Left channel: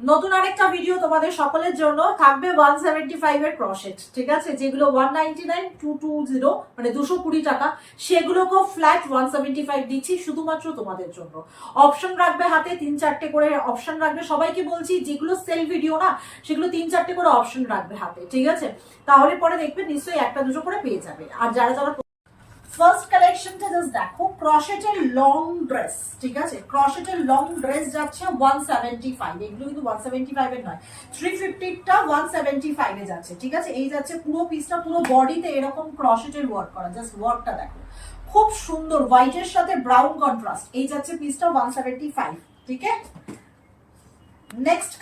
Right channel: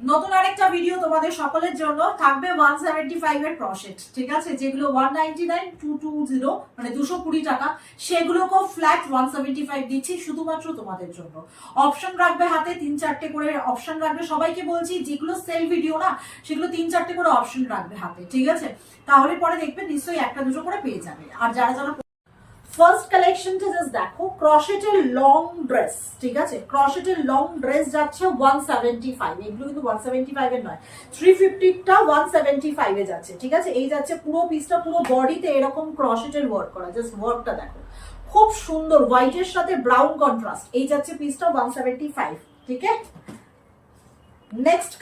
নতুন আরেকটা ভিডিও তোমাদের সকলের জন্য থাকবে 175 এর ক্রসেট, ঠিক আছে, যেগুলো 199 220 মানে 220 টাকা, সেগুলোকেও ফ্ল্যাট 175 দিচ্ছি শুধুমাত্র তোমাদের জন্য। অপশন রাখবে হাতে 3-4টে করে অপশন রাখবে, সবাইকে বলছি যেগুলো সেল ভিডিও না সেগুলো 3-4টে করে অপশন রাখবে হাতে, ঠিক আছে, তাহলে পরে দেখবে নিশ্চয়ই একটা দুটো করে পেয়ে যাবে। আর যারা যারা ফার্স্ট কালেকশনটা জাস্ট দেখো, ক্রশেটের লং ড্রেস, ঠিক আছে, ক্রশেটের লং ড্রেস যাচ্ছে 175, এগুলো কিন্তু 175 এর নয়, 350টা 175 এ যাচ্ছে, ঠিক আছে। এই যাচ্ছে পুরো পিসটা, পুরো বডিতে এরকম ক্রশেটের ওয়ার্ক করা, জাস্ট ওয়ার্কটা দেখো খুব সুন্দর, হোয়াইটের সাথে ব্রাউন কন্ট্রাস্ট। এই যাচ্ছে পিসটা 175, ঠিক আছে। নেক্সট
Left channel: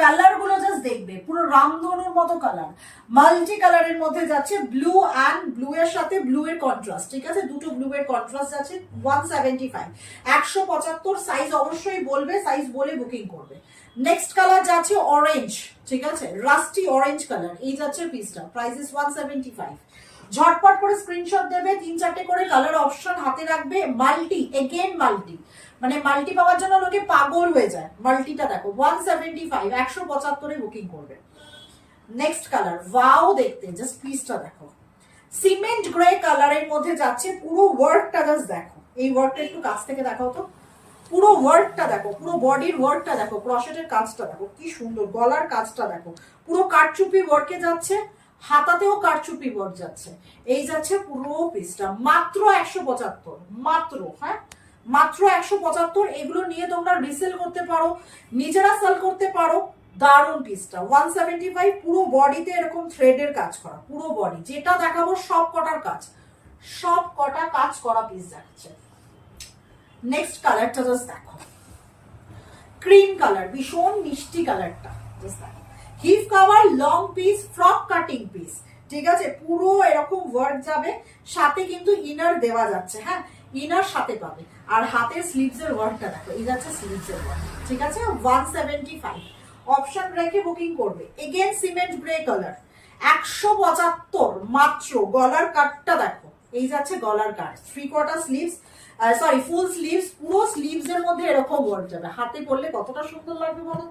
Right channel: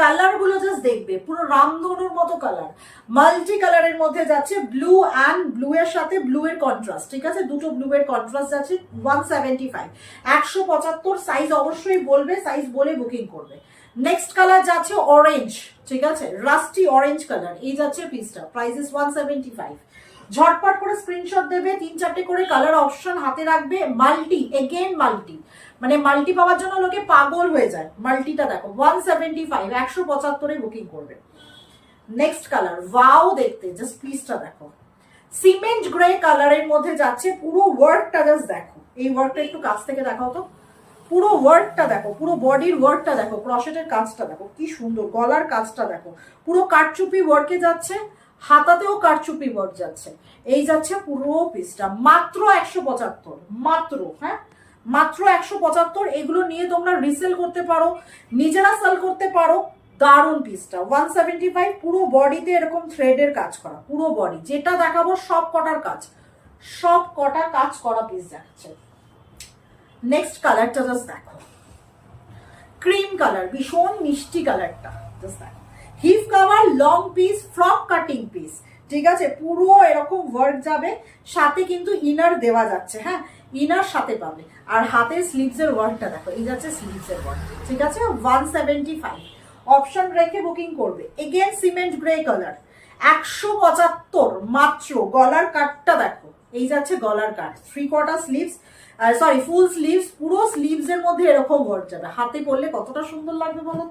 কালার গুলো জাস্ট দেখবে, পুরো রামধনুর মতো কালার, মাল্টি কালারের মধ্যে যাচ্ছে, ব্লু অ্যান্ড ব্লু এর সাথে ব্লু এর কন্ট্রাস্ট, ঠিক আছে, দুটো ব্লু এর কন্ট্রাস্ট যাচ্ছে 175, 175 সাইজ অবশ্যই বলবে, সাইজ বলে বুকিং করবে। নেক্সট কালার যাচ্ছে অরেঞ্জ, ঠিক আছে, রাস্টি অরেঞ্জ কালার, এই যাচ্ছে পিসটা, প্রাইস ইস 175। ঝটপট করে স্ক্রিনশট দেবে, 3-4টে করে কালার অপশন হাতে রাখবে। মাল্টি, এগেন মাল্টি, মানে মাল্টি পাওয়ার জন্য লোকে পাগল হয়ে যায়। মাল্টিটা দেখো 175, 175 বুকিং করবে। নেক্সট কালার, ওয়াও দেখতে, জাস্ট পিসটা দেখো, সিমেন্ট গ্রে কালারের মধ্যে যাচ্ছে, পুরো ওয়ার্কটা জাস্ট দেখো, এই ওয়ার্কটা একটু কাছ থেকে দেখাও তো, পুরো ওয়ার্কটা দেখো, পুরো বডির ওয়ার্কটা দেখো, ক্রশেটের কাজটা দেখো কি সুন্দর, গলার কাজটা দেখো, পুরো কাটচুপি ওয়ার্কে যাচ্ছে, হাতাতেও কারচুপি ওয়ার্ক যাচ্ছে। এই যাচ্ছে পুরো পিসটা মাত্র 175, মাত্র, হ্যাঁ মাত্র 175। এগুলো নিয়ে তোমরা রিসেল করতে পারো, নিজেরা সেল করতে পারো। দারুন পিসটা 175, পুরো বডিতে এরকম থ্রেডের কাজ করা, পুরো বডি, যেটা দেখাবো সব কটার কাজ, সব কটা কাজ করা পিস যাচ্ছে। নেক্সট কালারটা জাস্ট দেখো, ক্রিম কালার, ভীষণ মিষ্টি কালারটা, জাস্ট দেখো, hip cover long piece, frock cutting piece, ঠিক আছে, পুরো এরকম ওয়ার্ক যাবে, সাথে কিন্তু ইনার দেওয়া যাচ্ছে, হ্যাঁ ইনার সাথে পাবে। আর হাতের স্লিভস এর ওয়ার্কটা দেখো, এই যাচ্ছে স্লিভস এর ওয়ার্ক, ঠিক আছে, 175 অপশন রেখে বুকিং করবে। এগেন সিমেন্ট গ্রে কালার, 175 মাত্র। গলার কাটটা দেখো, এই যাচ্ছে গলার কাট, 3/4 স্লিভস, সরি ফুল স্লিভস, পুরো স্লিভস এর মধ্যে এরকম ওয়ার্ক যাবে, হাতে পরলে কতটা সুন্দর লাগবে বলো তো।